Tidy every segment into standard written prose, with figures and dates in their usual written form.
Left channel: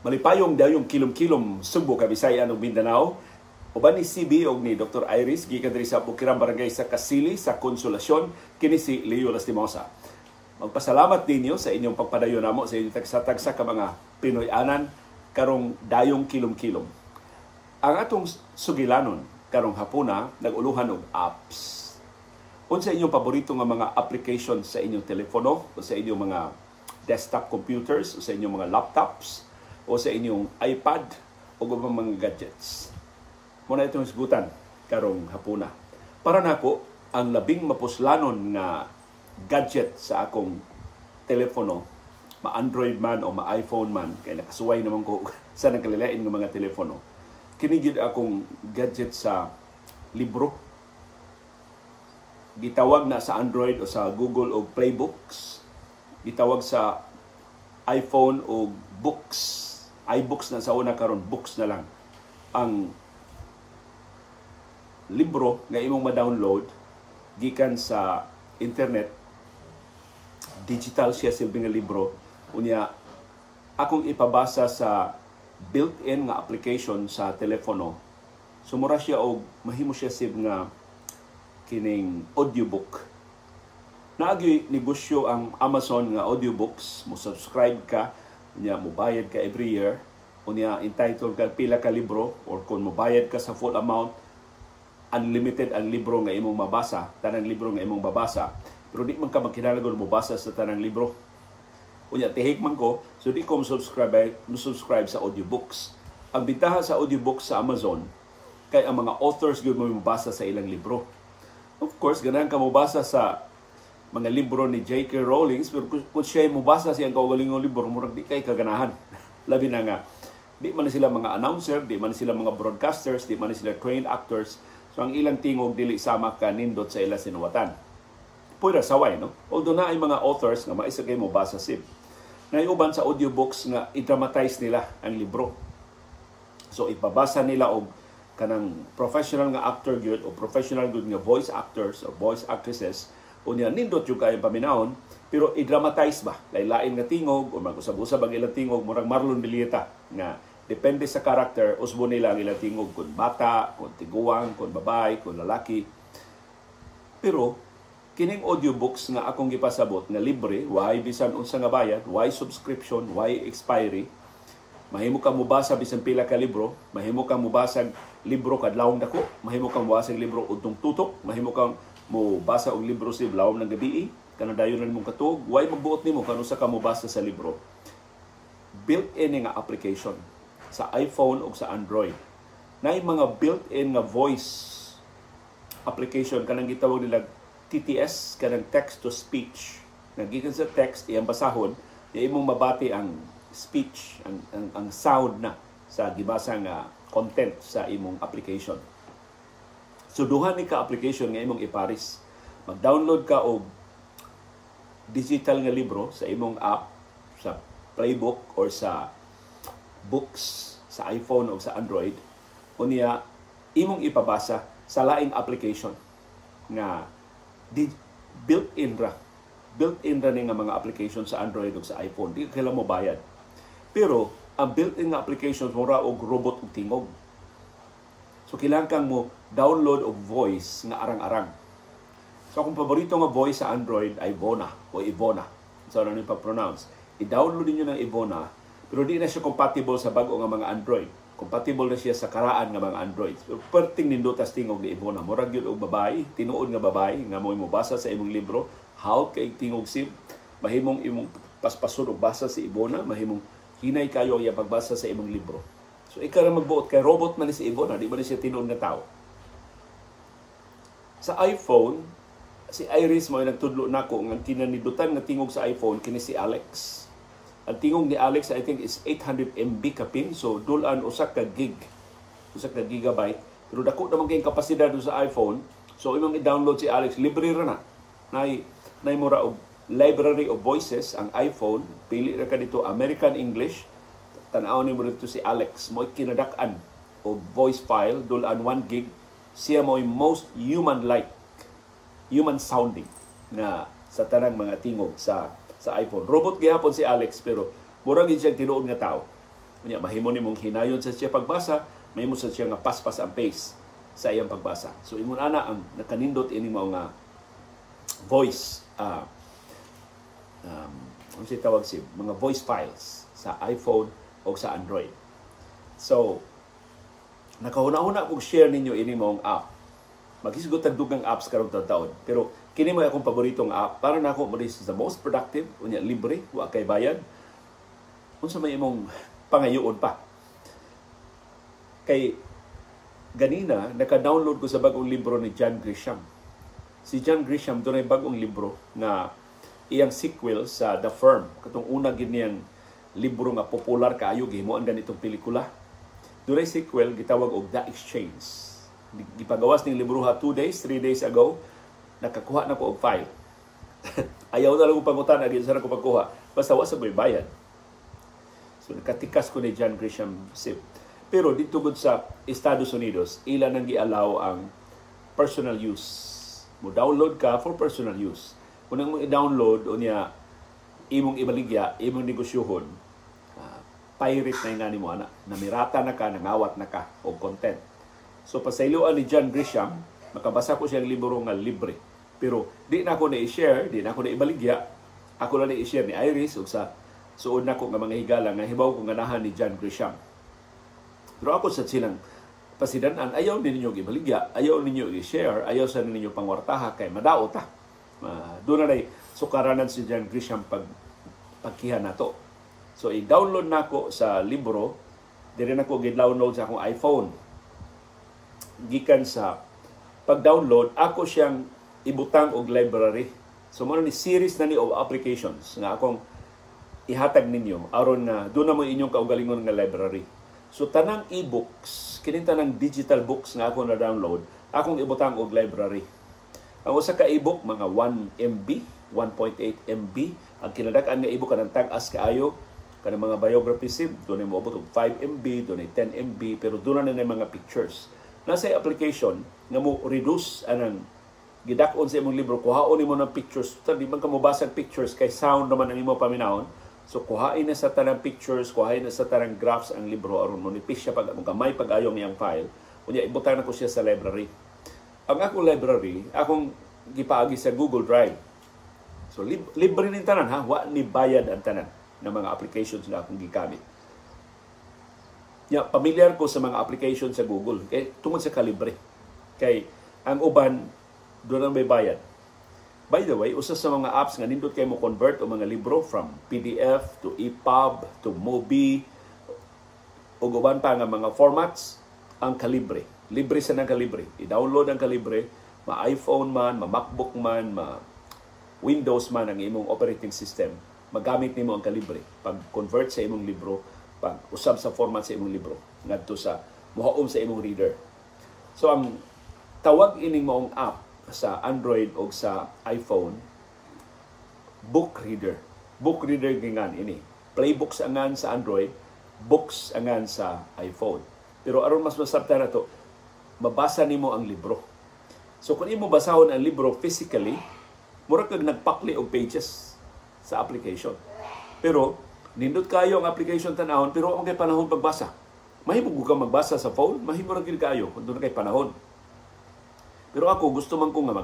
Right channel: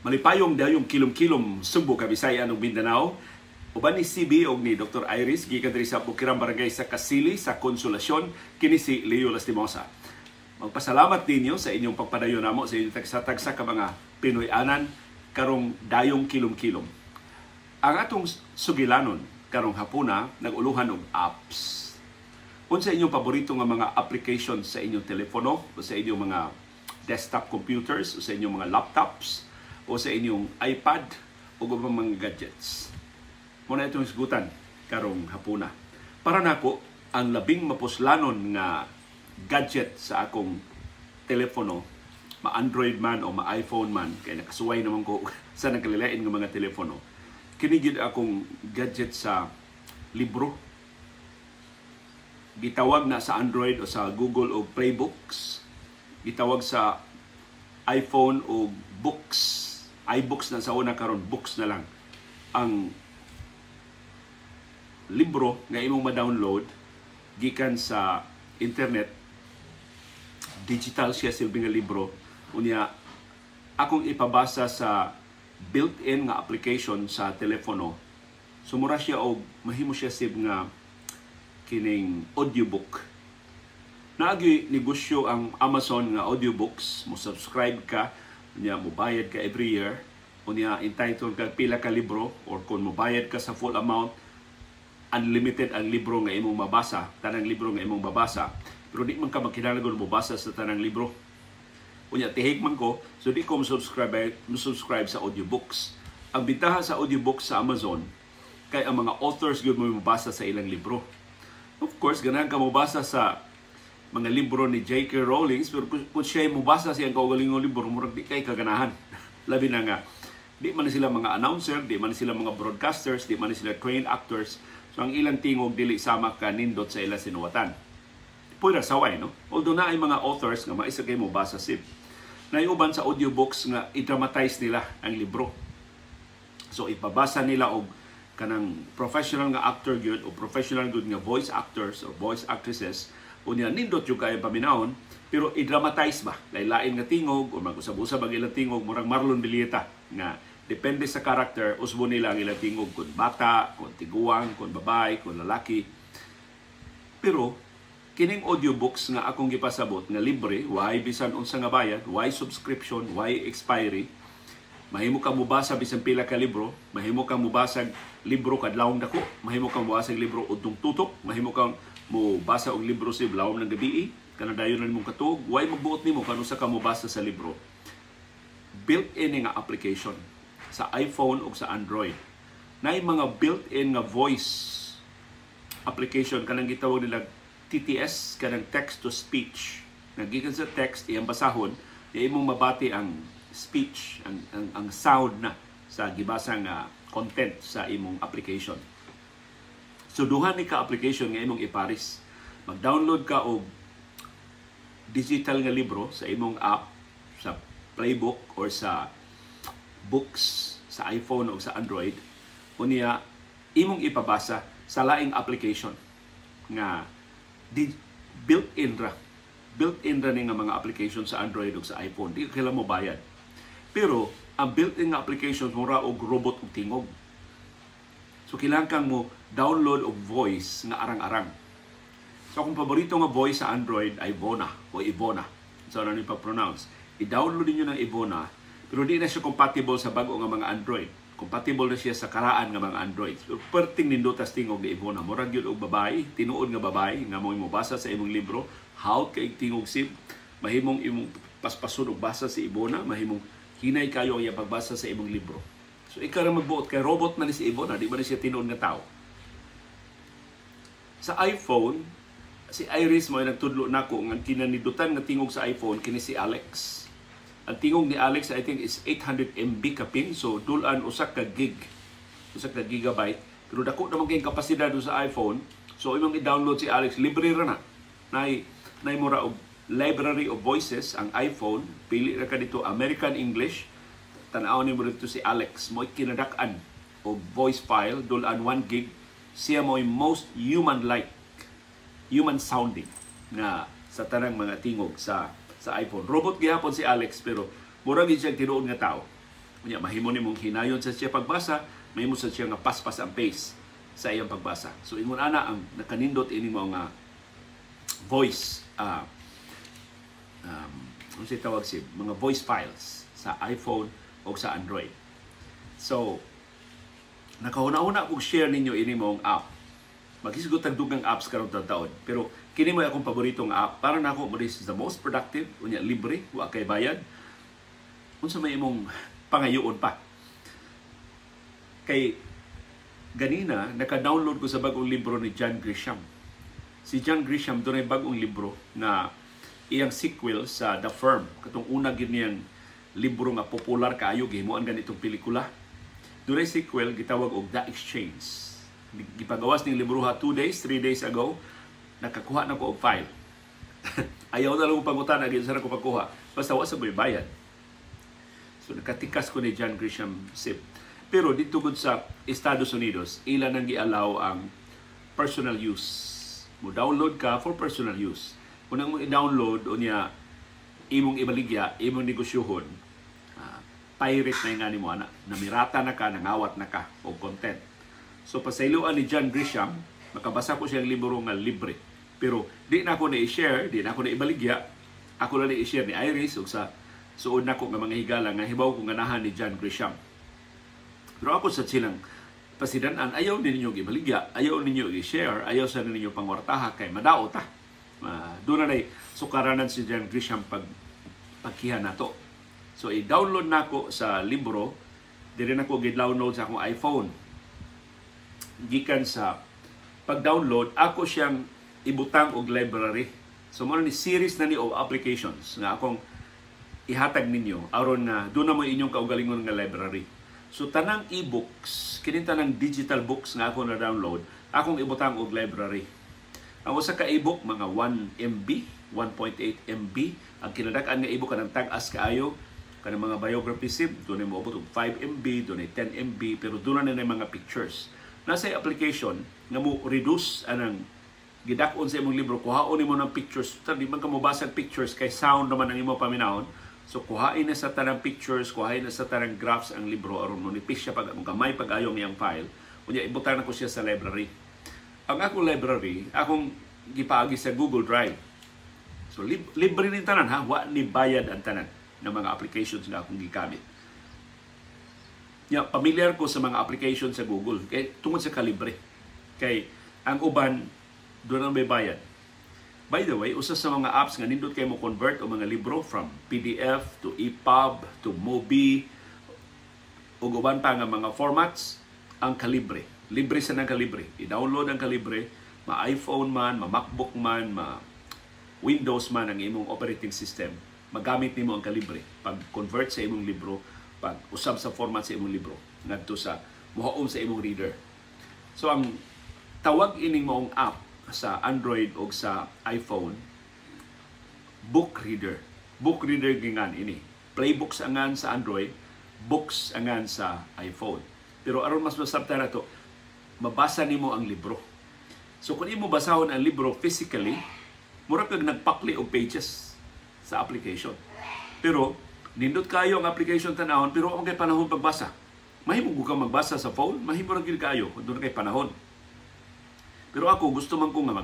Malipayong dayong kilom-kilom Sugbo, Kabisayan ug Mindanao. Uban ni CB og ni Dr. Iris gikan diri sa Bukirang Barangay sa Kasili sa Konsolasyon, kini si Leo Lastimosa. Magpasalamat ninyo sa inyong pagpadayon namo sa inyong tagsa-tagsa ka mga Pinoy-anan karong dayong kilom-kilom. Ang atong sugilanon karong hapuna nag-uluhan og apps. Unsa inyong paborito nga mga applications sa inyong telepono o sa inyong mga desktop computers o sa inyong mga laptops o sa inyong iPad o mga gadgets. Muna itong isgutan karong hapuna. Para nako, ang labing mapuslanon nga gadget sa akong telepono, ma-Android man o ma-iPhone man, kaya nakasuway naman ko sa nagkalilain ng mga telepono, kinigid akong gadget sa libro. Gitawag na sa Android o sa Google o Playbooks. Gitawag sa iPhone o books. iBooks na sa una karon, books na lang. Ang libro nga imong ma-download gikan sa internet, digital siya silbi nga libro. Unya akong ipabasa sa built-in nga application sa telepono. Sumura siya og mahimo siya sib nga kining audiobook. Naagi negosyo ang Amazon nga audiobooks, mo subscribe ka, unya mobayad ka every year, unya entitled ka pila ka libro, or kung mobayad ka sa full amount, unlimited ang libro nga imong mabasa, tanang libro nga imong babasa. Pero di man ka magkinahanglan mabasa sa tanang libro. Unya tihik man ko, so di ko subscribe sa audiobooks. Ang bitaha sa audiobooks sa Amazon kay ang mga authors gyud mo mabasa sa ilang libro. Of course, ganahan ka mabasa sa mga libro ni J.K. Rowling, pero kung siya mabasa siyang kaugalingong libro, murag di kay kaganahan. Labi na nga, di man sila mga announcer, di man sila mga broadcasters, di man sila trained actors. So ang ilang tingog dili sama ka nindot sa ilang sinuwatan. Pwede saway, no? Although na ay mga authors nga maisa kay mo basa sib. Naiuban sa audiobooks nga i-dramatize nila ang libro. So ipabasa nila og kanang professional nga actor gyud o professional gyud nga voice actors or voice actresses, unya nindot yung kayang paminahon, pero i-dramatize ba? Lain-lain nga tingog o mag-usab-usab ang ilang tingog, murang Marlon Bilieta nga depende sa karakter, usbo nila ang ilang tingog kung bata, kung tiguang, kung babae, kung lalaki. Pero kining audiobooks nga akong gipasabot nga libre, why bisan unsa nga bayad, why subscription, why expiry, mahimo ka mobasa bisan pila ka libro, mahimo ka mobasa libro kadlawong dako, mahimo ka mobasa libro udtong tutok, mahimo kang mobasa og libro sa lawom ng gabi, kana dayon na nimong katuog, why magbuot nimo kanu sa ka mobasa sa libro. Built-in nga application sa iPhone o sa Android. Naay mga built-in nga voice application kanang gitawag nila TTS, kanang text to speech. Nagikan sa text iyang basahon, iya imong mabati ang speech, ang sound na sa gibasa nga content sa imong application. So duha ni ka application nga imong iparis. Mag-download ka og digital nga libro sa imong app, sa Playbook or sa books sa iPhone o sa Android. Unya imong ipabasa sa laing application nga built-in ra ni nga mga application sa Android o sa iPhone. Di kailangan mo bayad. Pero ang built-in nga applications mura og robot ug tingog. So kailangan kang mo download og voice nga arang-arang. So kung paborito nga voice sa Android ay Ivona o Ivona. So ano ni pa-pronounce? I-download niyo ng Ivona, pero di na siya compatible sa bago nga mga Android. Compatible na siya sa karaan nga mga Android. So perting nindutas tingog ni Ivona. Murag yun og babae, tinuod nga babae nga mo basa sa imong libro, how kay tingog sib, mahimong imong paspason og basa si Ivona, mahimong hinay kayo iya pagbasa sa imong libro. So ikaw ra magbuot kay robot man ni si Ivona, di ba na siya tinuod nga tao. Sa iPhone, si Iris mo ay nagtudlo nako nga kinanidutan nga tingog sa iPhone kini si Alex. Ang tingog ni Alex I think is 800 MB kapin, so dulan usa ka gigabyte. Pero dako naman kay kapasidad sa iPhone. So imong i-download si Alex, libre ra na. Nay mura og library of voices ang iPhone, pili ra ka dito American English. Tan-aw ni mo dito si Alex, mo kinadak-an o voice file dulan 1 gig. Siya mo most human-like, human sounding na sa tanang mga tingog sa iPhone. Robot gihapon si Alex pero murag gid siya tinuod nga tao. Unya mahimo nimong hinayon sa siya pagbasa, mahimo sa siya nga paspas ang pace sa iyang pagbasa. So ingon ana ang nakanindot ini mo nga voice ano siya tawag siya, mga voice files sa iPhone o sa Android. So nakahuna-huna kong share ninyo ini mong app. Maghisgot ang dugang apps karong taon. Pero kini mo akong paboritong app para nako mo this is the most productive, unya libre, wa kay bayad. Unsa may imong pangayoon pa. Kay ganina naka-download ko sa bagong libro ni John Grisham. Si John Grisham doon ay bagong libro na iyang sequel sa The Firm. Katong una gid niyang libro nga popular kaayo gihimuan ganitong pelikula. Doon ay sequel gitawag og The Exchange. Gipagawas ning libro 2 days, 3 days ago. Nakakuha na ko og file. Ayaw na lang ko pangutana gid sa ko pagkuha. Basta wa sa bayad. So nakatikas ko ni John Grisham SIP. Pero dito gud sa Estados Unidos, ilan ang gi-allow ang personal use. Mo download ka for personal use. Unang mo i-download unya imong ibaligya, imong negosyohon, pirate na nga nimo ana, namirata na ka, nangawat na ka og content. So pasayloan ni John Grisham, makabasa ko siyang libro nga libre. Pero di na ako na-i-share, di na ako na-ibaligya. Ako na i-share ni Iris ug sa suod na ko nga mga higala nga hibaw ko ganahan ni John Grisham. Pero ako sa silang pasidanan, ayaw ninyo ibaligya, ayaw ninyo i-share, ayaw sa ninyo pangwartaha kay madao ta. Doon na sukaranan si John Grisham pagkihan na to. So i-download na ko sa libro, dire na ko gi-download sa akong iPhone. Gikan sa pag-download, ako siyang ibutang og library. So mo ni series na ni of applications nga akong ihatag ninyo aron na doon na mo inyong kaugalingon nga library. So tanang e-books, kini tanang digital books nga ako na download, akong ibutang og library. Ang usa ka e-book mga 1 MB, 1.8 MB, ang kinadak-an nga e-book kanang tag-as kaayo kanang mga biography sim, doon mo abot og 5 MB, doon 10 MB, pero doon na mga pictures. Nasa application nga mo reduce anang gidak-on sa imong libro, kuhaon nimo ng pictures. Di man ka mo basag pictures kay sound naman ang imo paminahon. So kuhain na sa tanang pictures, kuhain na sa tanang graphs ang libro aron mo nipis siya pag gamay pag-ayong iyang file. Kunya ibutang na ko siya sa library. Ang akong library, akong gipaagi sa Google Drive. So libre ning tanan ha, wa ni bayad ang tanan ng mga applications nga akong gigamit. Familiar ko sa mga applications sa Google kay tungod sa kalibre. Kay ang uban doon ang may bayad. By the way, usa sa mga apps nga nindot kay mo convert o mga libro from PDF to EPUB to MOBI o uban pa nga mga formats ang Kalibre. Libre sa nang Kalibre. I-download ang Kalibre, ma-iPhone man, ma-MacBook man, ma-Windows man ang imong operating system. Magamit nimo ang Kalibre pag-convert sa imong libro, pag-usab sa format sa imong libro ngadto sa mohaom sa imong reader. So ang tawag ining maong app sa Android o sa iPhone, book reader. Book reader gingan ini. Playbooks angan sa Android, books angan sa iPhone. Pero aron mas masabta na to, mabasa nimo ang libro. So kung imo basahon ang libro physically, mura kag nagpakli og pages sa application. Pero nindot kayo ang application tanahon, pero ang kay panahon pagbasa. Mahimo ka magbasa sa phone, mahimo ra gyud kayo kung doon kay panahon. Pero ako, gusto man ko nga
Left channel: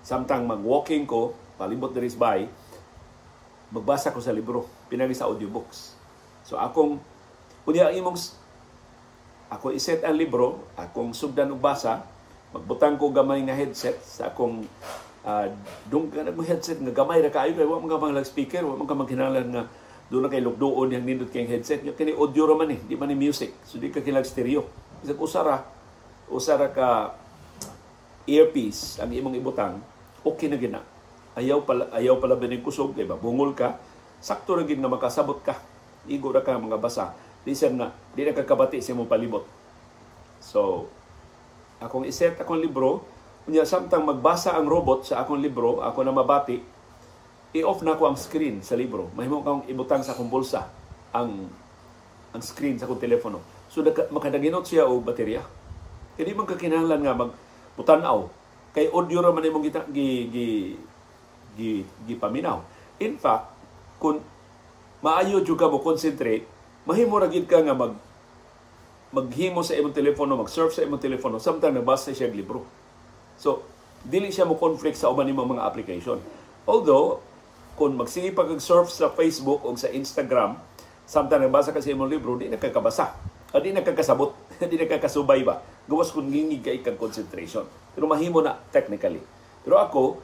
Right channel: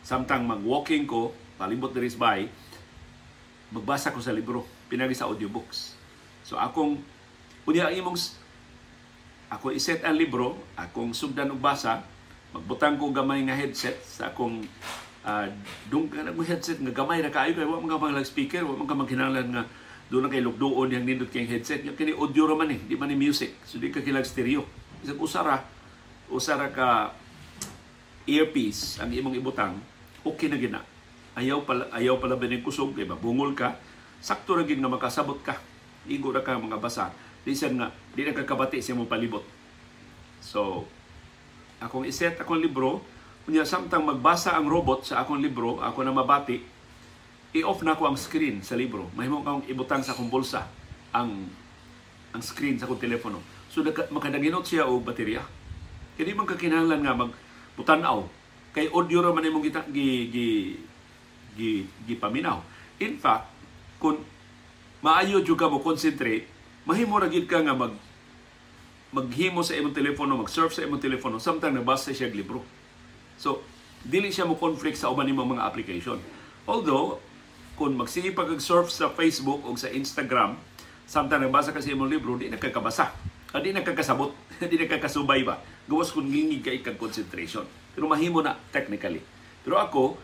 samtang mag-walking ko, palibot there is by, magbasa ko sa libro, pinagi sa audiobooks. So akong, kunya ako iset ang libro, akong sugdan og basa, magbutang ko gamay nga headset sa akong headset nga gamay ra kaayo kay wa man ka mga speaker, wa man ka maghinahanglan nga doon na kay lugduon yang nindot kay headset. Yung kini audio ra man di man ni music. So di ka kilag stereo. Isag usara ka earpiece ang imong ibutang, okay na gina. Ayaw pala bining kusog kay mabungol ka, sakto ra gid nga makasabot ka. Igo ra ka mga basa. Listen nga, di na kakabati sa imong palibot. So, akong iset akong libro, kunya samtang magbasa ang robot sa akong libro, ako na mabati, i-off na ko ang screen sa libro. Mahimo kang ibutang sa akong bulsa ang screen sa akong telepono. So, makadaginot siya og baterya. Kaya di man kakinahanglan nga putanaw kay audio ra man imong gipaminaw. In fact, kung maayo jud ka mo concentrate, mahimo ra gyud ka nga maghimo sa imong telepono, mag-surf sa imong telepono, samtang nabasa siya og libro. So, dili siya mo conflict sa uban nimo mga application. Although, kung magsige pag-surf sa Facebook o sa Instagram, samtang nabasa ka sa imong libro, di nakakabasa. Di nakakasabot, di nakakasubay ba. Gawas kung ngingig ka ikang concentration. Pero mahimo na technically. Pero ako,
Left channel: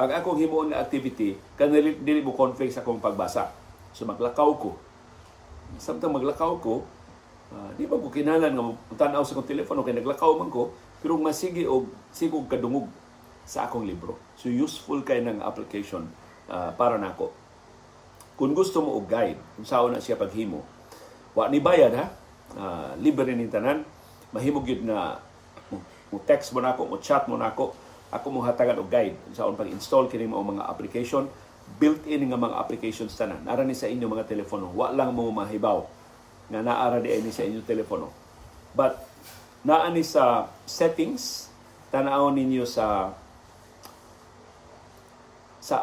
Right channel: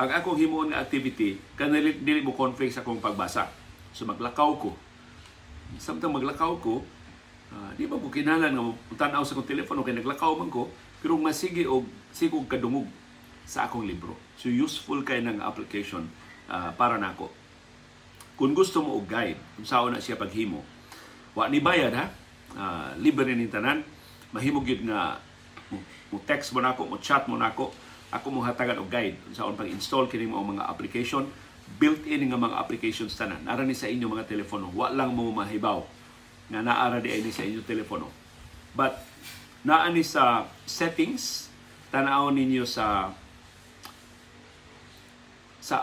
ang akong himuon nga activity, kanili dili mo conflict sa akong pagbasa. So maglakaw ko. Samtang maglakaw ko, di ba ko kinalan nga tanaw sa akong telepono kay naglakaw man ko, pero masige og sigog kadungog sa akong libro. So useful kay ng application para nako. Kung gusto mo og guide, kung saan na siya paghimo, wa ni bayad ha. Libre ni tanan. Mahimo gyud nga mo text mo nako, mo chat mo nako. Ako mo hatagan og guide kung saan pag-install kini mo mga application, built-in nga mga applications tanan. Nara ni sa inyo mga telepono. Wa lang mo mahibaw nga naara di ini sa inyong telepono. But naa ni sa settings, tanaw ninyo sa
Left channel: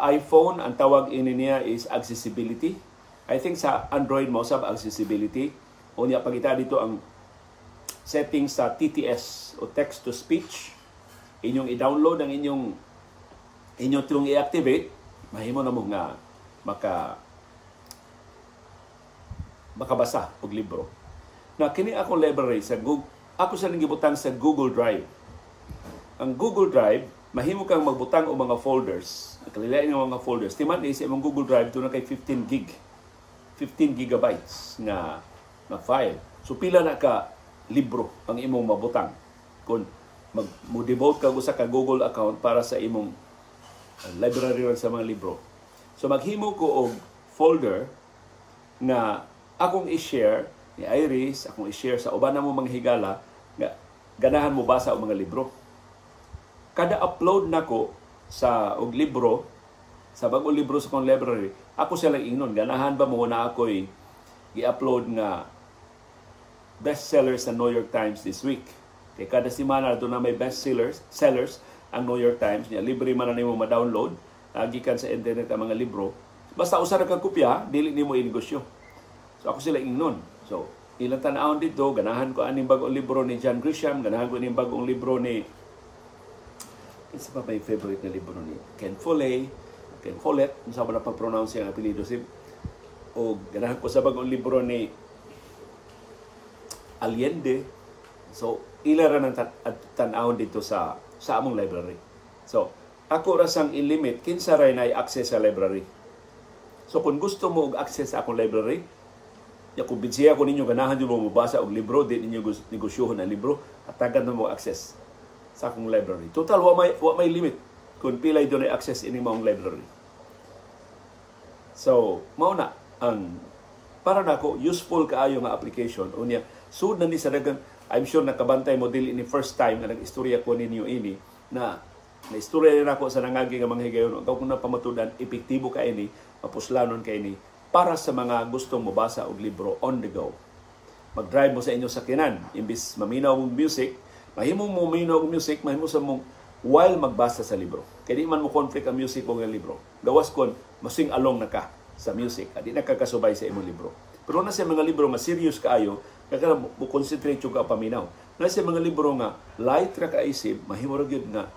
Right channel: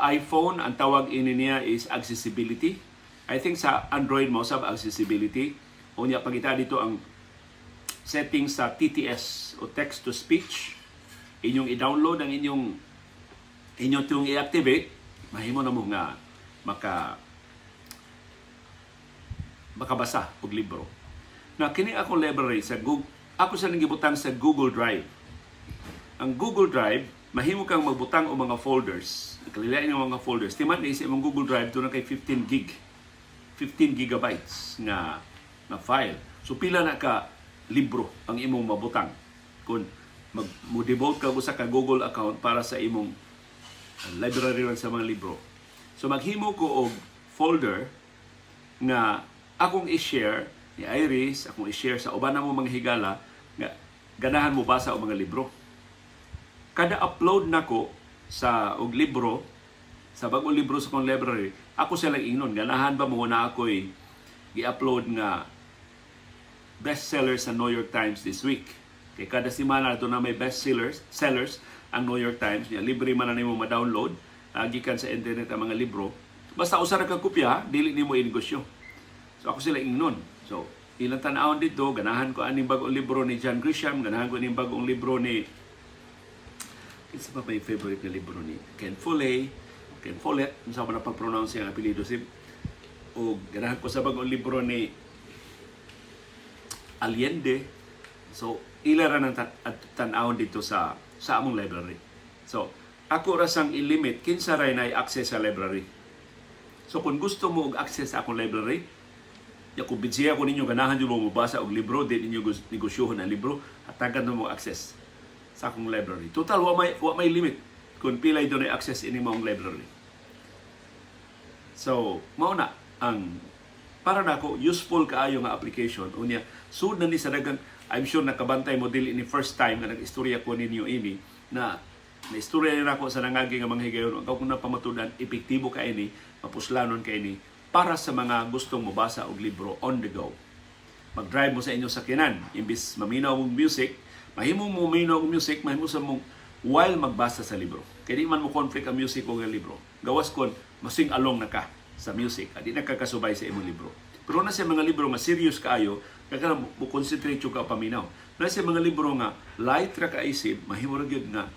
iPhone, ang tawag ini niya is accessibility. I think sa Android mo sa accessibility. O niya pagita dito ang settings sa TTS o text to speech. Inyong i-download ang inyong tiyong i-activate, mahimo na mo nga makabasa og libro. Na kini akong library sa Google, ako sa nangibutang sa Google Drive. Ang Google Drive, mahimo kang magbutang og mga folders. Kalilain ng mga folders. Timan ni sa imong Google Drive doon na kay 15 gigabytes na file. So pila na ka libro ang imong mabutang. Kung mo-devote ka sa ka Google account para sa imong library sa mga libro. So maghimo ko og folder na akong i-share ni Iris, akong i-share sa uban na mo mga higala nga ganahan mo basa og mga libro. Kada upload nako sa og libro, sa bagong libro sa kong library, ako sila ingnon, ganahan ba mo na ako'y gi-upload nga bestseller sa New York Times this week. Kay kada semana doon na may bestsellers ang New York Times. Libre man na nimo ma-download gikan sa internet ang mga libro. Basta usa ra ka kopya, dili nimo i-negosyo. So ako sila ingnon. So ilang tan-awon dito, ganahan ko aning bagong libro ni John Grisham, ganahan ko aning bagong libro ni isa pa may favorite na libro ni Ken Follett, unsa ba na pag-pronounce ang apelyido si o ganahan ko sa bagong libro ni Allende. So ila ra nang tan-awon dito sa among library. So ako ra sang i-limit kinsa ray na access sa library. So kung gusto mo og access sa akong library, ya kung binsiya ko ninyo ganahan nyo mo mabasa og libro, di ninyo negosyohon ang libro, hatagan mo access sa akong library. Total, wa may limit kung pilay doon ay access ini mong library. So, mauna ang para nako useful kaayo nga application. Unya, sud na ni sa dagang, I'm sure nakabantay mo dili ni first time nga nag-istorya ko ninyo ini na istorya rin ako sa nangagi nga mga higayon. Kung napamatudan, epektibo ka ini, mapuslanon ka ini para sa mga gustong mabasa og libro on the go. Mag-drive mo sa inyo sakyanan, imbis maminaw mong music, mahimo mo maminaw og music, mahimo sa mong while magbasa sa libro. Kaya di man mo conflict ang music o ang libro. Gawas kon masing along na ka sa music, at di nakakasubay sa imong libro. Pero na sa mga libro mas serious kaayo, kaya mo concentrate yung ka paminaw. Na sa mga libro nga light ra kaisip, mahimo ra gyud nga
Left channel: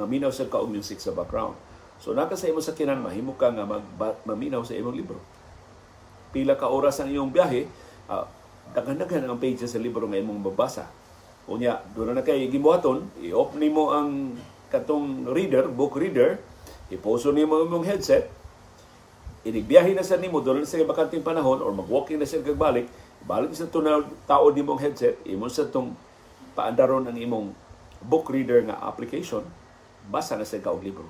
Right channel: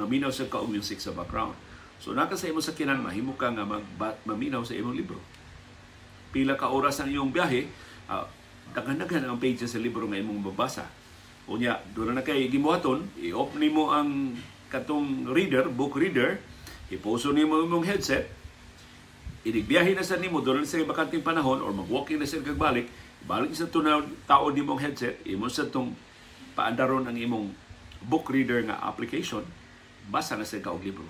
maminaw sa ka og music sa background. So naka sa imong sakyanan, mahimo ka nga maminaw sa imong libro. Pila ka oras ang iyong biyahe, daghan-daghan ang pages sa libro nga imong mabasa. Unya, doon na kay gibuhaton, i-off nimo ang katong book reader, ipuso nimo imong headset, inigbiyahe na sa nimo doon na sa bakanting panahon or mag-walking na sa kagbalik, balik sa tunaw tao nimong headset, imo sa tong paandaron ang imong book reader nga application, basa na sa kaog libro.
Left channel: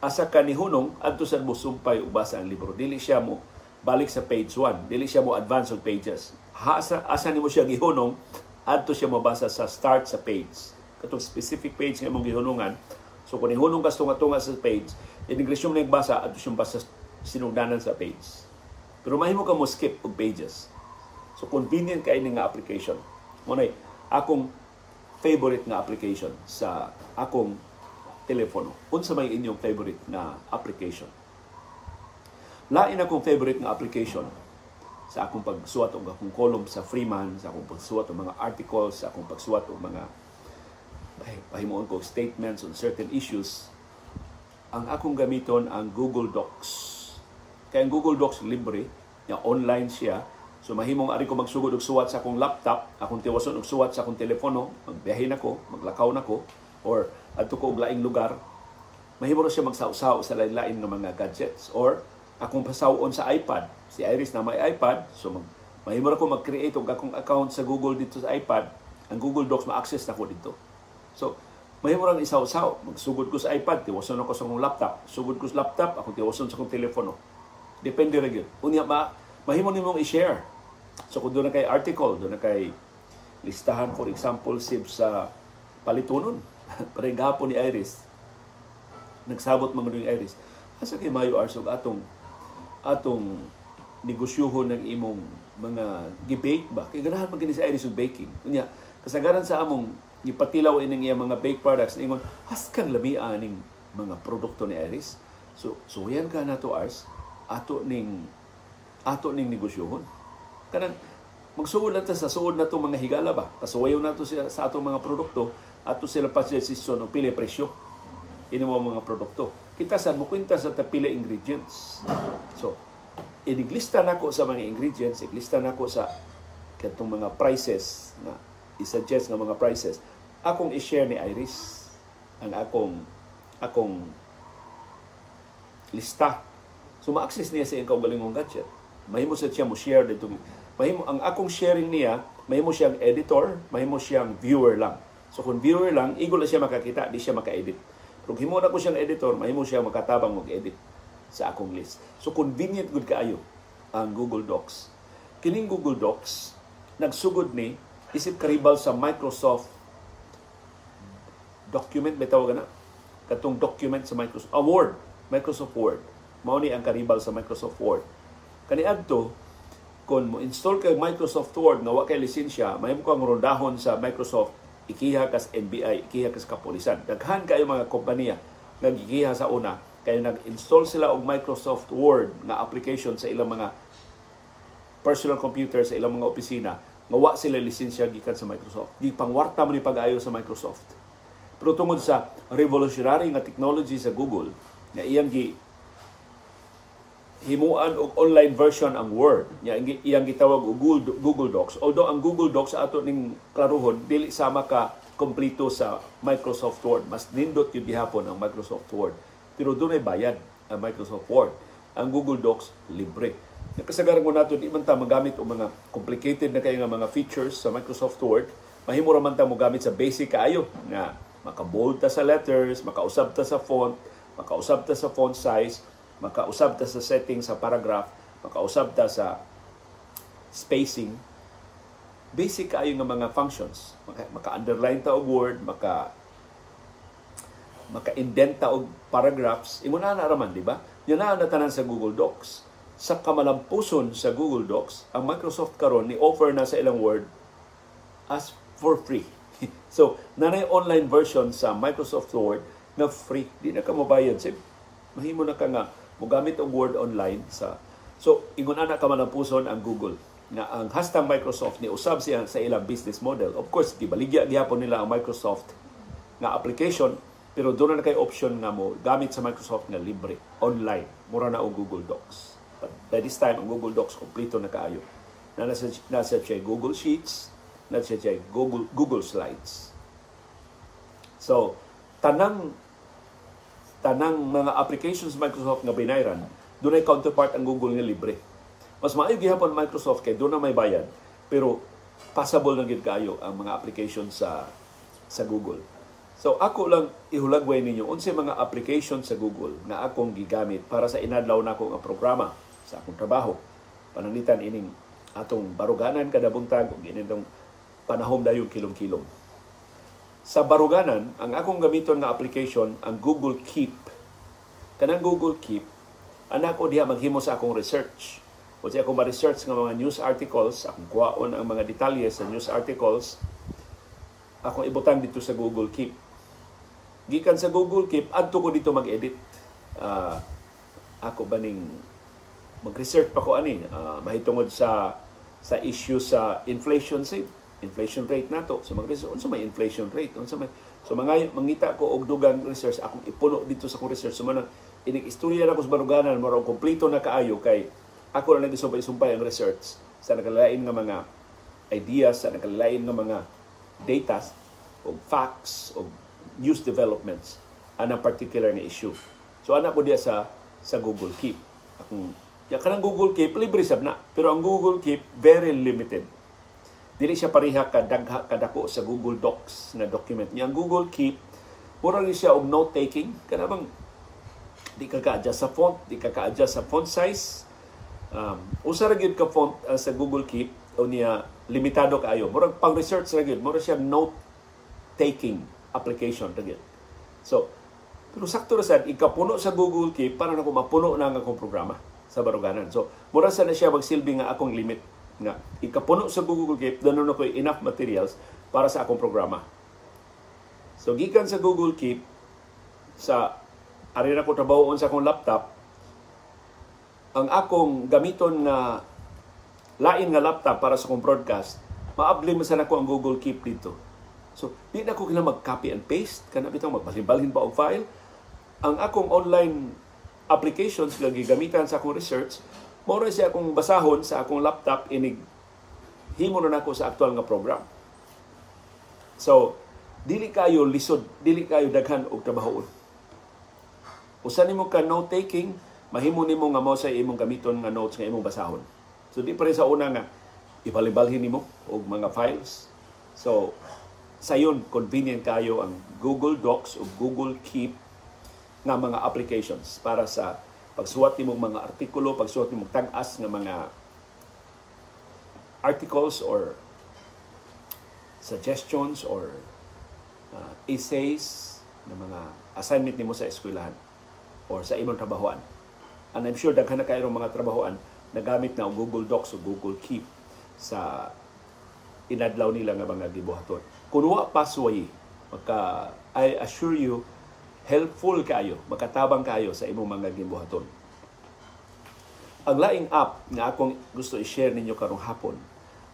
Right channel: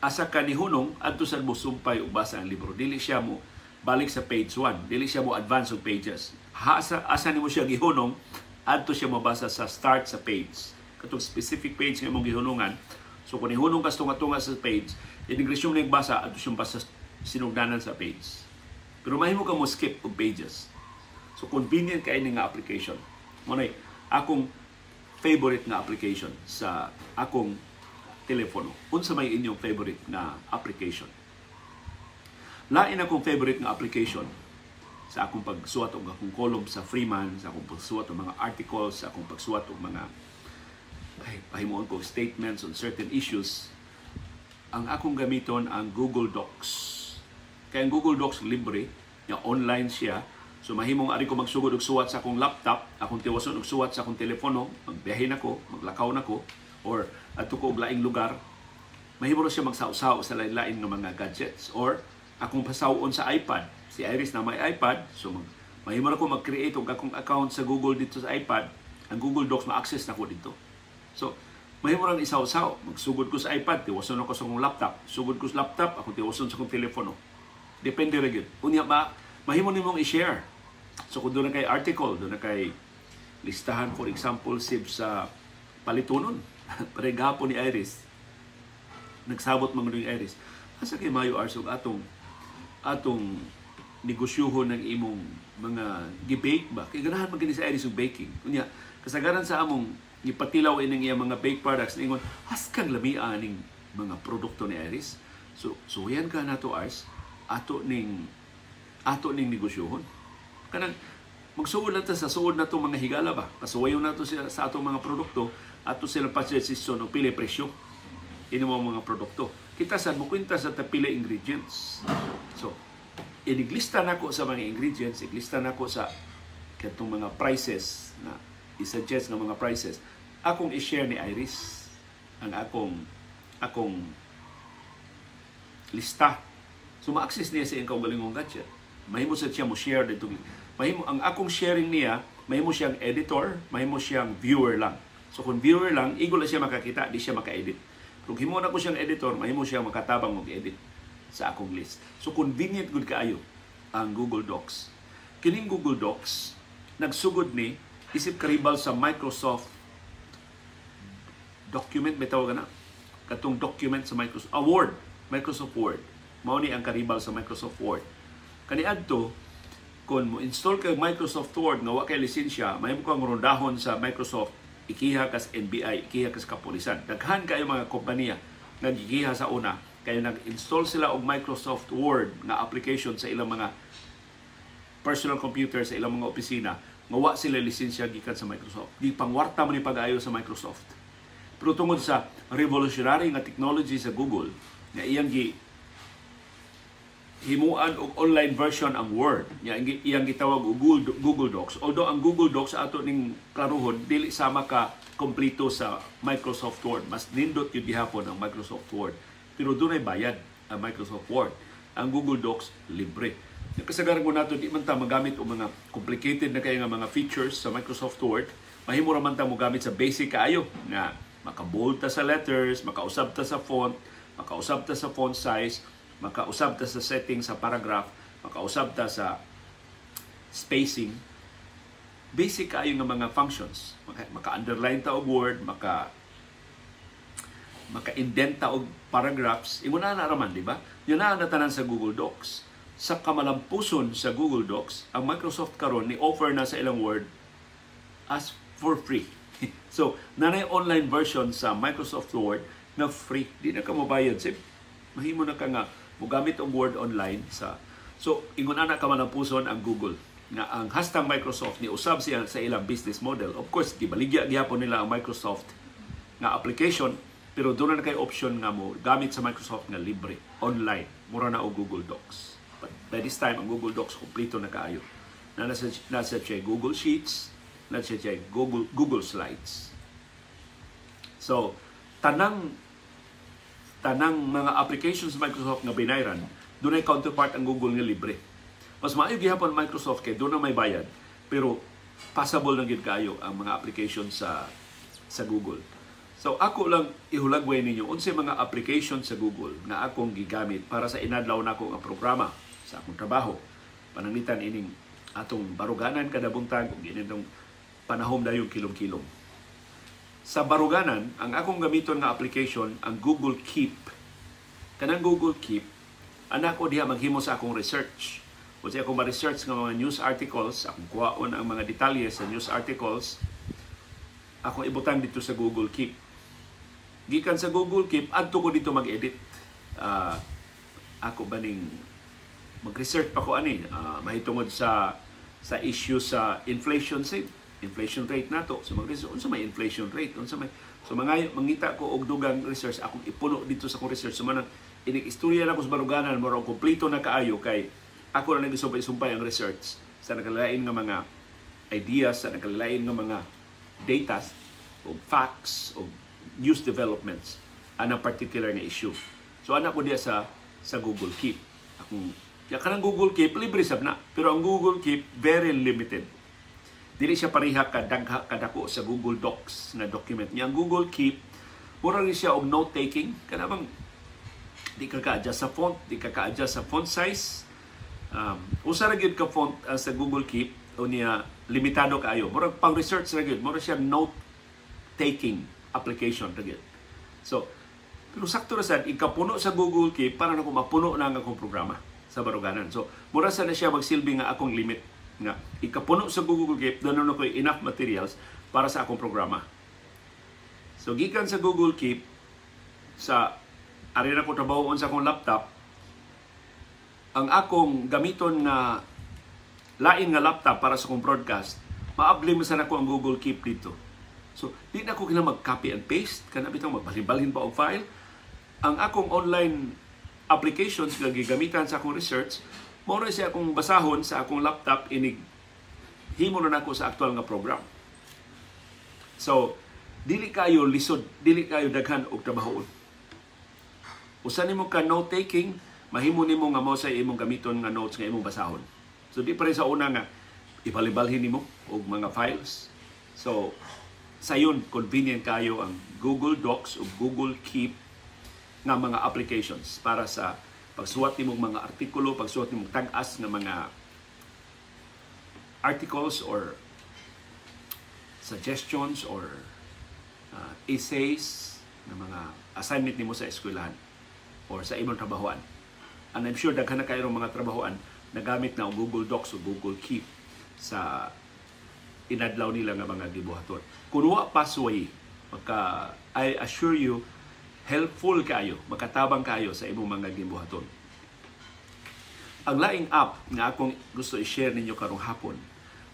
Asa ka ni hunong adto sa mo sumpay ug basa ang libro. Dili siya mo balik sa page 1, dili siya mo advance og pages. Asa nimo siya gihunong adto siya mabasa sa start sa page. Katong specific page nga imong gihunungan. So kung ihunong ka tunga sa page, inigresyon na basa adto siya basa sinugdanan sa page. Pero mahimo ka mo skip og pages. So convenient kay ini nga application. Munay akong favorite nga application sa akong telepono. Unsa may inyong favorite nga application? Lain akong favorite nga application sa akong pagsuwat og akong column sa Freeman, sa akong pagsuwat og mga articles, sa akong pagsuwat og mga pahimuon ko statements on certain issues, ang akong gamiton ang Google Docs. Kaya ang Google Docs libre, nga online siya. So mahimong ari ko magsugod og suwat sa akong laptop, akong tiwason og suwat sa akong telepono, magbiyahe nako, maglakaw nako, or adto ko og laing lugar. Mahimo ra siya magsaw-saw sa lain-lain nga mga gadgets, or akong pasawon sa iPad. Si Iris na may iPad, so mahimo ra ko mag-create og akong account sa Google dito sa iPad. Ang Google Docs ma-access nako dito. So mahimo ra isaw-saw, magsugod ko sa iPad, tiwason ako sa akong laptop. Sugod ko sa laptop, akong tiwason sa akong telepono. Depende ra gyud. Unya mahimo nimong i-share. So kung doon na kay article, doon na kay listahan, for example, sa palitunon. Parang gahapon ni Iris. Nagsabot mga ni Iris. Asa kay Mayo Arsog atong negosyohon ng imong mga gi-bake ba? Kaya ganahan magani sa Iris og baking. Kunya, kasagaran sa among gipatilaw ining iya mga bake products, ingon, haskang lamia ning mga produkto ni Iris. So yan ka na to Ars, ato ning negosyohon. Kanang magsuod na ta sa suod na itong mga higala ba? Pasuwayo na ito sa atong mga produkto ato sila pa desisyon o pili presyo. Ini mga produkto. Kita saan mo kwenta sa pili ingredients. So, iniglista na ko sa mga ingredients, iglista na ko sa katong mga prices na i-suggest nga mga prices. Akong i-share ni Iris ang akong lista. So, ma-access niya sa iyang kaugalingong gadget. Mahimo sa siya mo share dito. Mahimo ang akong sharing niya, mahimo siyang editor, mahimo siyang viewer lang. So kung viewer lang, igol na siya makakita, di siya maka-edit. Kung himo na ko siyang editor, mahimo siya makatabang mag-edit sa akong list. So convenient gud kaayo ang Google Docs. Kining Google Docs nagsugod ni isip karibal sa Microsoft document, may tawag na katong document sa Microsoft Word. Mao ni ang karibal sa Microsoft Word. Kaniadto, kung mo install kay Microsoft Word nga wa kay lisensya, mahimo kang rondahon sa Microsoft, ikiha kas NBI, ikiha kas kapulisan. Daghan kayo mga kompanya nga gikiha sa una kay nag-install sila og Microsoft Word nga application sa ilang mga personal computer, sa ilang mga opisina, nga wa sila lisensya gikan sa Microsoft. Di pangwarta man ni pag-ayo sa Microsoft. Pero tungod sa revolutionary nga technology sa Google, nga iyang himuan og online version ang Word. Iyang gitawag og Google Docs. Although ang Google Docs ato ning klaruhon dili sama ka kompleto sa Microsoft Word. Mas nindot yung gihapon ang Microsoft Word. Pero doon ay bayad ang Microsoft Word. Ang Google Docs libre. Kasagaran ko nato di man ta magamit og mga complicated na kay nga mga features sa Microsoft Word. Mahimo ra man ta mo gamit sa basic kaayo nga maka-bold ta sa letters, makausab ta sa font, makausab ta sa font size, makausab ta sa setting sa paragraph, makausab ta sa spacing. Basic kayo ng mga functions. Maka-underline ta og word, maka-indent ta og paragraphs. Imo na raman, di ba? Yan na tanan sa Google Docs. Sa kamalampuson sa Google Docs, ang Microsoft karon ni offer na sa ilang Word as for free. So, nanay online version sa Microsoft Word na free. Di na ka mabayad. Mahimo na ka nga mogamit ang Word online so ingon ana ka man ang puson ang Google nga ang hastang Microsoft ni usab siya sa ilang business model. Of course gibaligya gyapon nila ang Microsoft nga application, pero doon na kay option nga mo gamit sa Microsoft nga libre online mura na og Google Docs. But by this time ang Google Docs kompleto na kaayo. Nasa siya Google Sheets, nasa siya Google Slides. So tanang mga applications sa Microsoft nga binayran, doon ay counterpart ang Google nga libre. Mas maayo gihapon Microsoft kay doon na may bayad, pero passable lang gid kaayo ang mga applications sa Google. So ako lang ihulagway ninyo unsay mga applications sa Google nga akong gigamit para sa inadlaw nako nga programa sa akong trabaho. Pananglitan ining atong baruganan kada buntag ug initong panahom dayon kilom-kilom. Sa baruganan, ang akong gamiton nga application, ang Google Keep. Kanang Google Keep, anak ko diha maghimo sa akong research. Kung siya akong ma-research ng mga news articles, akong kuhaon ang mga detalye sa news articles, akong ibutang dito sa Google Keep. Gikan sa Google Keep, adto ko dito mag-edit. Ako ba ning mag-research pa ko ani mahitungod sa issue sa inflation rate nato. So mag-research unsa may inflation rate, unsa may so mangita ko og dugang research akong ipuno dito sa akong research. So manang inig-istorya na ko sa baruganan maro kompleto na kaayo kay ako na nagsumpay ang research sa nakalain nga mga ideas, sa nakalain nga mga data o facts o news developments anang particular nga issue. So anak ko diya sa Google Keep. Akong kanang Google Keep libre sab na, pero ang Google Keep very limited. Dili siya pareha kadako sa Google Docs na document niya. Ang Google Keep mura rin siya og note taking, kanabang di ka ka-adjust sa font, di ka ka-adjust sa font size. Usa ra gyud ka font sa Google Keep o niya limitado kaayo. Murag pang research ra gyud, mura siya note taking application ra gyud. So, pero sakto ra sad ikapuno sa Google Keep para na ko mapuno na ang akong programa sa baruganan. So, mura sa na siya magsilbi nga akong limit nga ikapuno sa Google Keep danon na ko enough materials para sa akong programa. So, gikan sa Google Keep sa ari na ko trabahoon sa akong laptop, ang akong gamiton na lain nga laptop para sa akong broadcast, maabli mo sa nako ang Google Keep dito. So, di na ko kailangan mag-copy and paste, kana bitaw magbalhin-balhin pa og file. Ang akong online applications nga gigamitan sa akong research, mao ra siya akong basahon sa akong laptop, inig himo na nako sa aktual nga program. So, dili kayo lisod, dili kayo daghan og trabahoon. Usa nimo ka note taking, mahimo nimo nga mao sa imong gamiton nga notes nga imong basahon. So di pa rin sa una nga ibalhin nimo og mga files. So sayon convenient kayo ang Google Docs o Google Keep nga mga applications para sa pagsuwat nimong mga artikulo, pagsuwat nimong tag-as nga mga articles or suggestions or essays na mga assignment nimo sa eskwelahan or sa imong trabahoan. And I'm sure daghan na kayo mga trabahoan nagamit na ang Google Docs o Google Keep sa inadlaw nila nga mga gibuhaton. Kung wa pasway, I assure you, helpful kayo, makatabang kayo sa imong mga gibuhaton. Ang laing app nga akong gusto i-share ninyo karong hapon,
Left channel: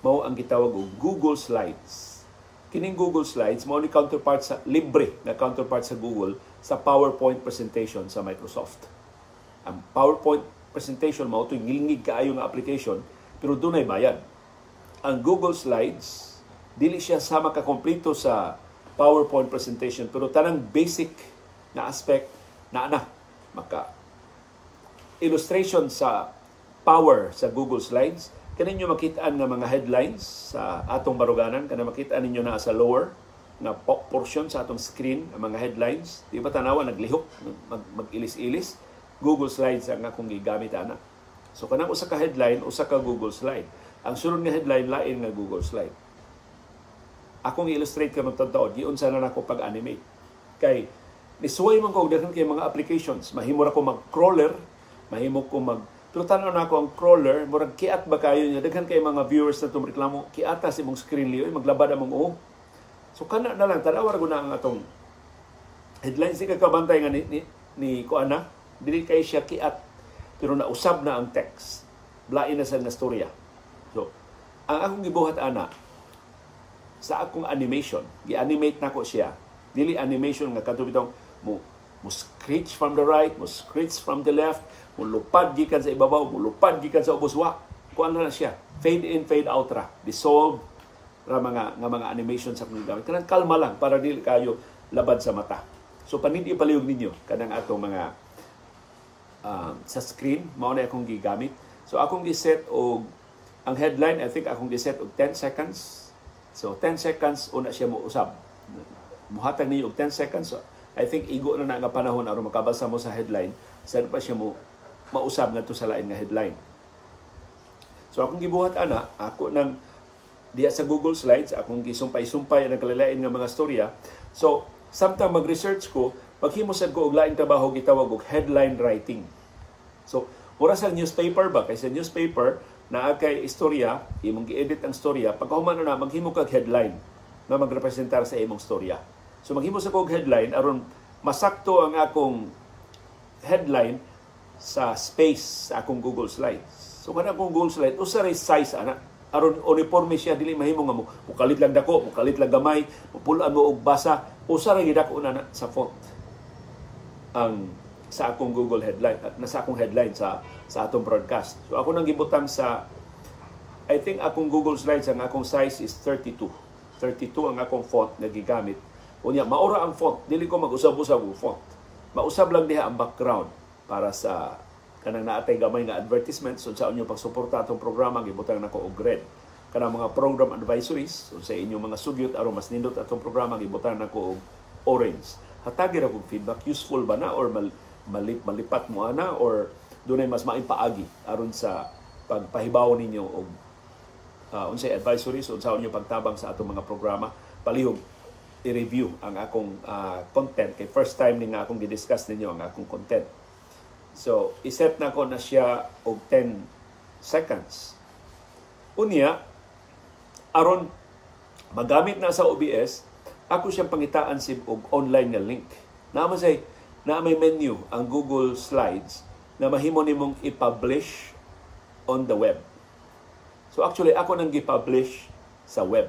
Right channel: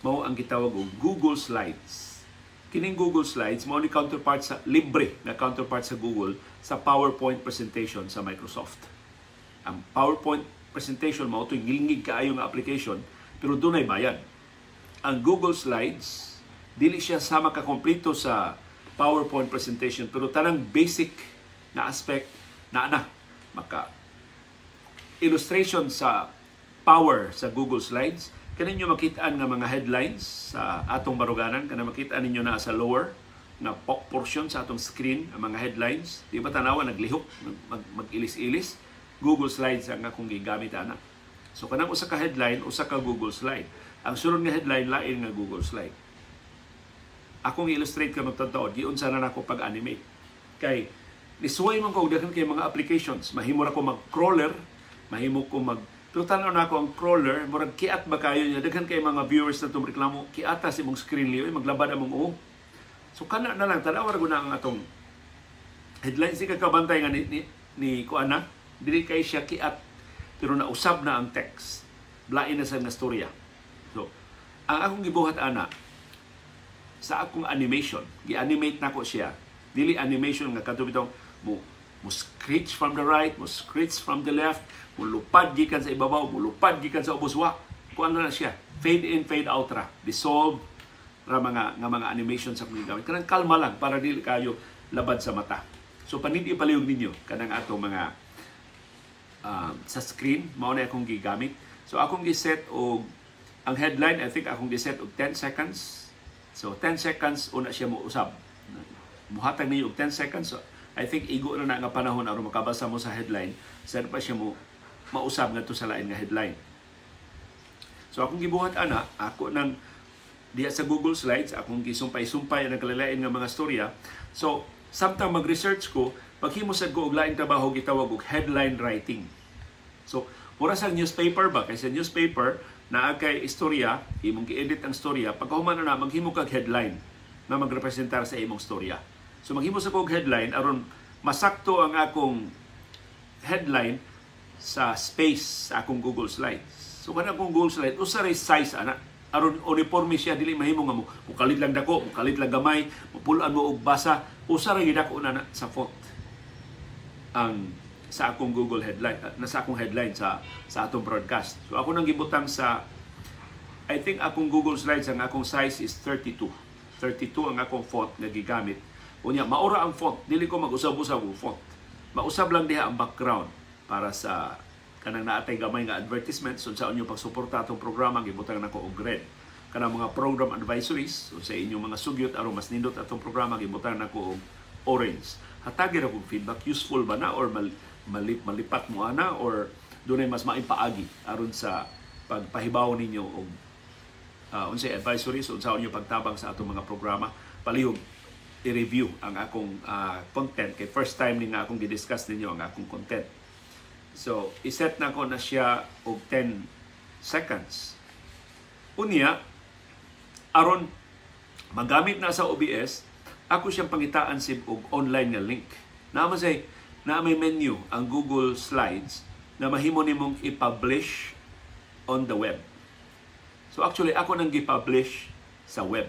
mao ang gitawag og Google Slides. Kining Google Slides, mao ni counterpart sa libre na counterpart sa Google sa PowerPoint presentation sa Microsoft. Ang PowerPoint presentation mao to'y ngilingig kaayo nga application pero dunay bayad. Ang Google Slides dili siya sama ka kompleto sa PowerPoint presentation pero tanang basic na aspect na maka illustration sa power sa Google Slides. Kaninyo makitaan nga mga headlines sa atong baruganan, kana makitaan ninyo na sa lower na portion sa atong screen ang mga headlines. Di ba tanawa naglihok, mag-ilis-ilis. Google Slides ang akong gigamit ana. So kanang usa ka headline, usa ka Google Slide. Ang sunod nga headline lain nga Google Slide. Akong illustrate kanang tadto, giun sana nako pag-animate. Kay nisuway man ko daghan kay mga applications. Mahimo ra ko mag-crawler, mahimo ko pero tanaw na ako ang crawler, murag kiat ba kayo niya? Daghan kay mga viewers na tumreklamo, kiata si mong screen liyo, maglabad among o. So kana na lang, tanaw ra na ang atong headlines. Di ka kabantay nga ni Kuana, dili kay siya kiat, pero nausab na ang text. Blain na sa nga storya. So, ang akong gibuhat ana, sa akong animation, gi-animate na ko siya. Dili animation nga katubitong mo scratch from the right, mo scratch from the left, mulupad gikan sa ibabaw, mulupad gikan sa ubos wa. Kuan na siya, fade in, fade out ra, dissolve ra mga animation sa kung gamit. Kanang kalma lang para dili kayo labad sa mata. So panindi palihog ninyo kanang atong mga sa screen mao na akong gigamit. So akong gi-set og ang headline, I think akong gi-set og 10 seconds. So 10 seconds una siya mo usab. Muhatag niyo og 10 seconds. So, I think igo na nga panahon aron makabasa mo sa headline, saan pa siya mo mausab ngadto sa lain nga headline. So akong gibuhat ana, ako nang diya sa Google Slides, akong gisumpay-sumpay ang kalilain nga mga storya. So samtang mag-research ko, paghimo sad ko og laing trabaho gitawag og headline writing. So mura sa newspaper ba, kay sa newspaper naa kay istorya, imong gi-edit ang storya, pagkahuman na maghimo kag headline na magrepresentar sa imong storya. So maghimo sa kog headline aron masakto ang akong headline sa space sa akong Google Slides. So kada akong Google Slides, usa ray size ana. Aron uniforme siya, dili mahimo nga mo mukalit lang dako, mukalit lang gamay, mapulaan mo og basa, usa ray gidako na sa font. Ang sa akong Google headline, nasa akong headline sa atong broadcast. So ako nang gibutang sa, I think akong Google Slides, ang akong size is 32. 32 ang akong font nga gigamit. Unya, maura ang font. Dili ko mag-usab-usab ang font. Mausab lang diha ang background para sa kanang naatay gamay nga advertisements sa inyo pagsuporta atong programa, gibutang nako og red. Kanang mga program advisories sa inyong mga sugyot aron mas nindot atong programa, gibutang nako og orange. Hatagi ra kog feedback, useful ba na or malipat mo ana or dunay mas maipaagi aron sa pagpahibaw ninyo og unsay advisories unsa inyo pagtabang sa atong mga programa. Palihog i-review ang akong content kay first time ni nga akong gi-discuss ninyo ang akong content. So, iset na ko na siya og 10 seconds. Unya, aron magamit na sa OBS, ako siyang pangitaan sib og online nga link. Na may menu ang Google Slides na mahimo nimong i-publish on the web. So actually, ako nang gi-publish sa web.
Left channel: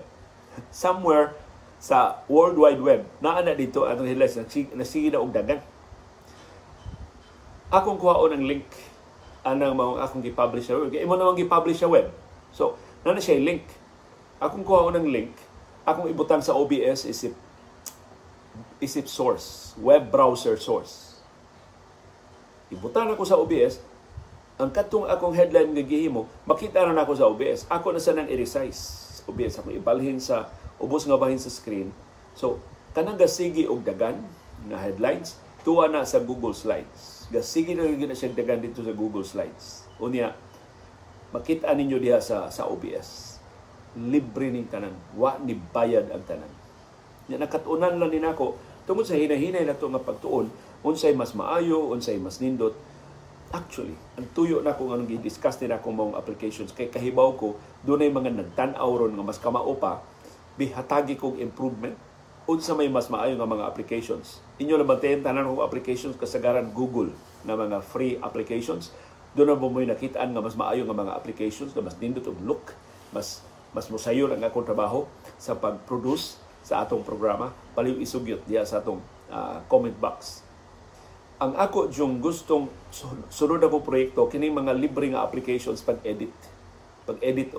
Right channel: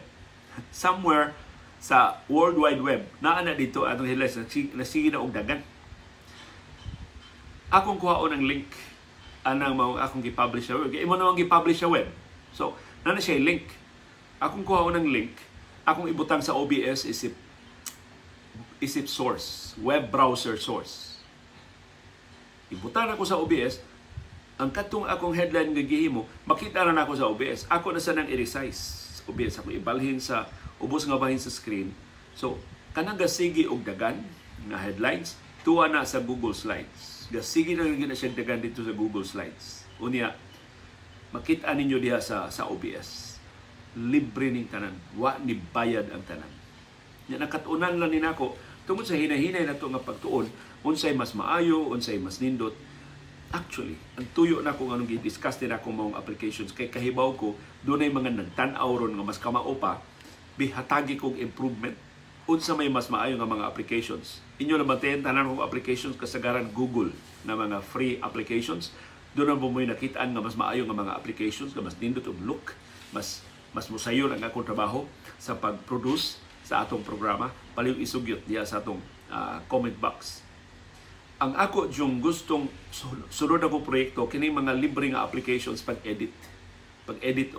Somewhere sa World Wide Web, naa na dito atong hilas nasige na og dagan. Akong kuhaon ang link anang mao akong gi-publish sa web. Imo namang gi-publish sa web. So, na siya link. Akong kuhaon ang link, akong ibutang sa OBS isip source, web browser source. Ibutang ako sa OBS, ang katong akong headline nga gihimo, makita na nako sa OBS. Ako na sa nang i-resize OBS, ako ibalhin sa ubos nga bahin sa screen. So, kanang gasigi og dagan nga headlines tuwa na sa Google Slides. Gasigi na siya dagan dito sa Google Slides. Unya, makita ninyo diha sa OBS. Libre ning tanan. Wa ni bayad ang tanan. Nya nakatunan lang ni nako tungod sa hinahinay nato nga pagtuon, unsay mas maayo, unsay mas nindot. Actually, ang tuyo na kung anong gi-discuss din ako mong applications kay kahibaw ko dunay mga nagtan-aw ron nga mas kamao pa bihatagi kong improvement unsa may mas maayo nga mga applications. Inyo lang bantayan tanan kong applications kasagaran Google na mga free applications. Doon na mo may nakitaan nga mas maayo nga mga applications nga mas nindot og look, mas mosayon ang akong trabaho sa pag-produce sa atong programa. Paliw isugyot diya sa atong comment box. Ang ako yung gustong sunod ako proyekto kining mga libre nga applications pag-edit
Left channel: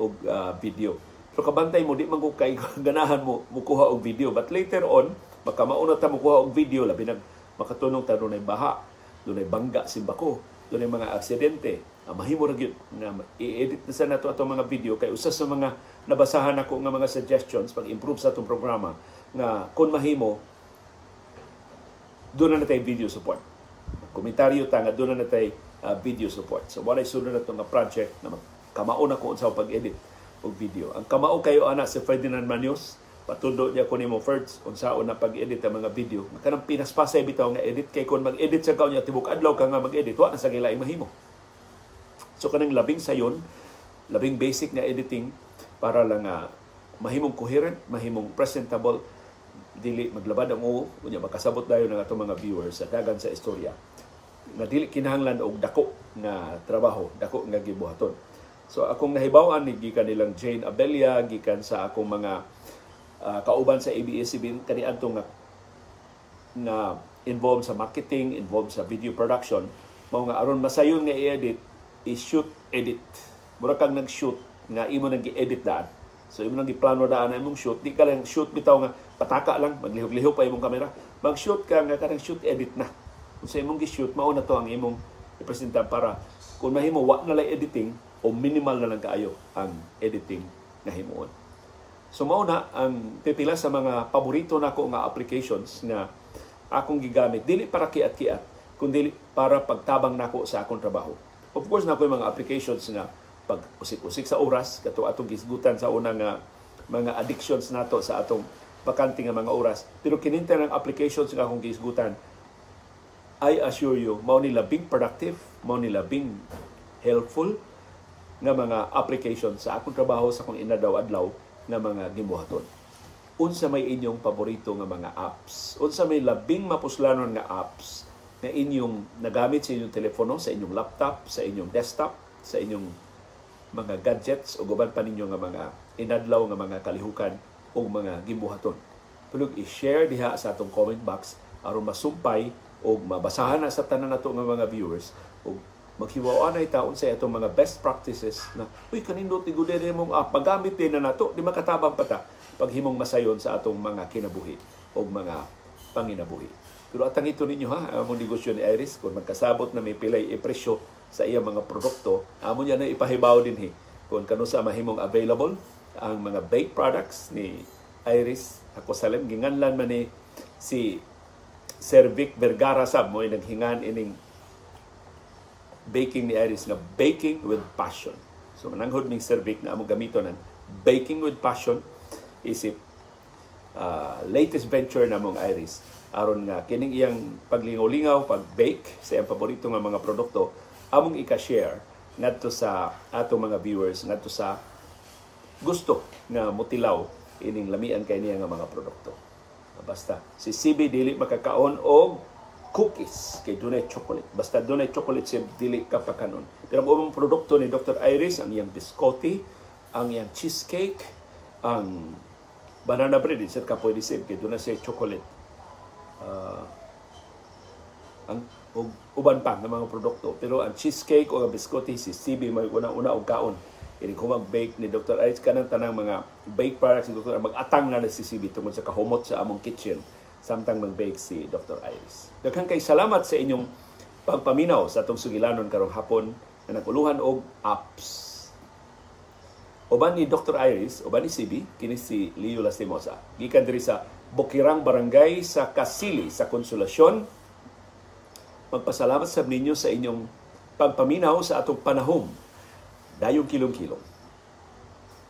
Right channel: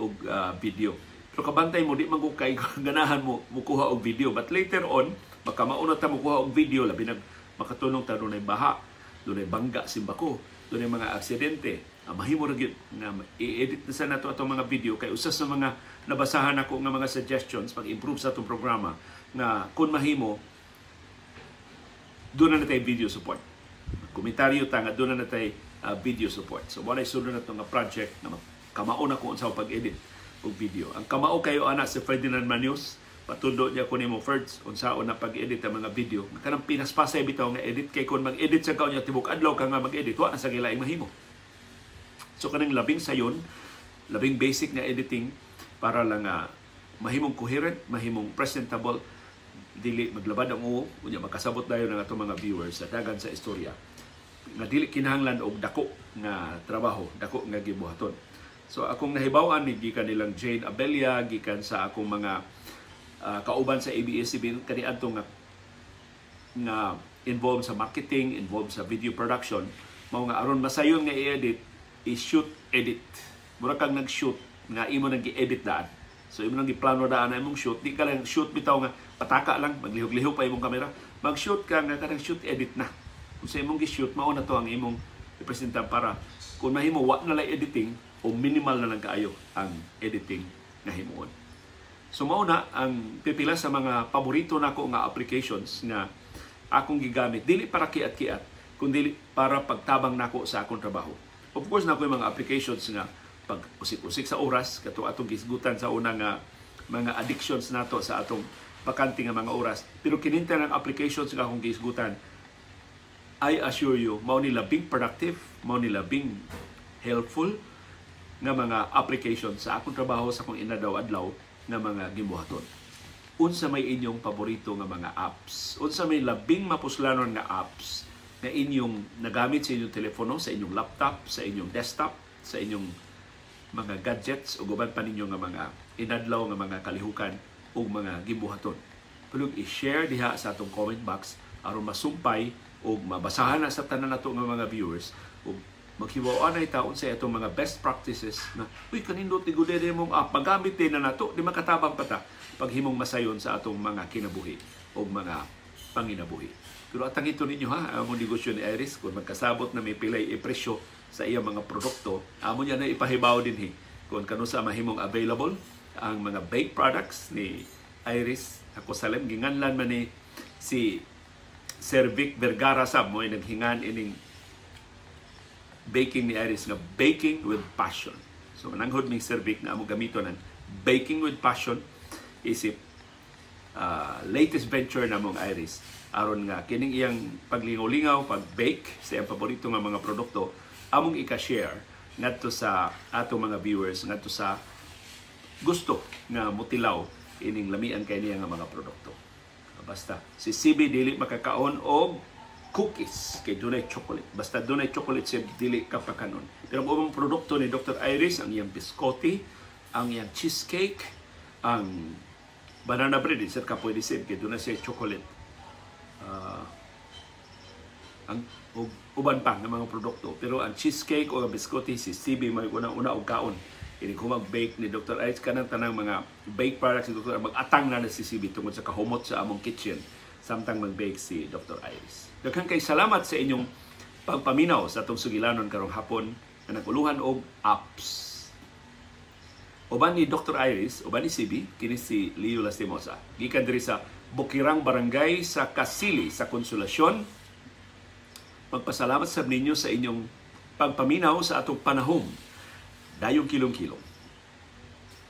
og video. So kabantay mo, di man ko kay ganahan mo mukuha og video. But later on, makamauna ta mukuha og video, labi nag makatunong ta dunay baha, dunay bangga simbako, dunay mga aksidente. Mahimo ra gyud nga i-edit na sa nato atong mga video kay usa sa mga nabasahan ako nga mga suggestions pag-improve sa atong programa nga kun mahimo doon na natay video support. Komentaryo ta nga doon na natay video support. So wala sunod na itong project na kamauna ko unsa pag-edit og video. Ang kamao kayo ana si Ferdinand Manios, patundo niya ko nimo first unsaon na pag-edit ang mga video. Kanang pinaspasay bitaw nga edit kay kun mag-edit sa kaw niya tibok adlaw ka nga mag-edit wa na sa gilaing mahimo. So kanang labing sayon, labing basic nga editing para lang mahimong coherent, mahimong presentable, dili maglabad ang uo, unya makasabot dayon ng atong mga viewers sa dagan sa istorya. Nga dili kinahanglan og dako nga trabaho, dako nga gibuhaton. So akong nahibaw-an ni gikan nilang Jane Abella, gikan sa akong mga kauban sa ABS-CBN kaniadto nga involved sa marketing, involved sa video production, mao nga aron masayon nga i-edit, i-shoot, edit. Mura kang nag-shoot nga imo nang gi-edit daan. So imo nang giplano daan na imong shoot, di ka lang shoot bitaw nga pataka lang, maglihok-lihok pa imong kamera. Mag-shoot ka nga kanang shoot edit na. Kung sa imong gi-shoot, mao na to ang imong ipresenta para kung mahimo wa na lang editing o minimal na lang kaayo ang editing na himuon. So mao na ang pipila sa mga paborito nako nga applications nga akong gigamit dili para kiat-kiat kundi para pagtabang nako sa akong trabaho. Of course nako yung mga applications nga pag usik-usik sa oras kato atong gisgutan sa una nga mga addictions nato sa atong bakante nga mga oras. Pero kininta ng applications nga akong gisgutan, I assure you, mao ni labing productive, mao ni labing helpful nga mga application sa akong trabaho sa akong inadlaw-adlaw nga mga gibuhaton. Unsa may inyong paborito nga mga apps? Unsa may labing mapuslanon nga apps na inyong nagamit sa inyong telepono, sa inyong laptop, sa inyong desktop, sa inyong mga gadgets o guban pa ninyo nga mga inadlaw nga mga kalihukan o mga gibuhaton. Tulog i-share diha sa atong comment box aron masumpay o mabasahan na sa tanan nato nga mga viewers o maghiwaan na itaon sa itong mga best practices na uy kanindot tigud din mong paggamit din na nato di makatabang pata paghimong masayon sa atong mga kinabuhi o mga panginabuhi. Pero atang ito ninyo among negosyo ni Iris, kung magkasabot na may pilay ipresyo sa iyang mga produkto, amon yan na ipahibaw din kung kano sa mahimong available ang mga baked products ni Iris. Ako salim, ginganlan man ni si Sir Vic Vergara sab mo naghingan ining baking ni Iris nga baking with passion. So mananghod ning Sir Vic na among gamiton ng baking with passion isip latest venture na mong Iris aron nga kining iyang paglingaw-lingaw, pag-bake sa iyang paborito nga mga produkto among ika-share ngadto sa atong mga viewers ngadto sa gusto nga motilaw ining lamian kay niya nga mga produkto. Basta si CB dili makakaon og cookies kay dunay chocolate. Basta dunay chocolate siya dili ka pakanon. Pero ang ubang produkto ni Dr. Iris, ang iyang biscotti, ang iyang cheesecake, ang banana bread, sir ka pwede sir kay dunay siya chocolate. Ang uban pa ng mga produkto. Pero ang cheesecake o ang biscotti, si CB may una-una og kaon. Kini kung mag-bake ni Dr. Iris kanang tanang mga bake products ni Dr. mag-atang na si CB tungod sa kahumot sa among kitchen samtang mag-bake si Dr. Iris. Daghang kay salamat sa inyong pagpaminaw sa atong sugilanon karong hapon na naguluhan og apps. Uban ni Dr. Iris, uban ni CB, kini si Leo Lastimosa. Gikan diri sa Bukirang Barangay sa Kasili sa Konsolasyon. Magpasalamat sa ninyo sa inyong pagpaminaw sa atong panahom. Dayong kilong-kilong.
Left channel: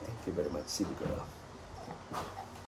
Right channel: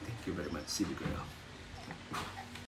Thank you very much, CB Girl.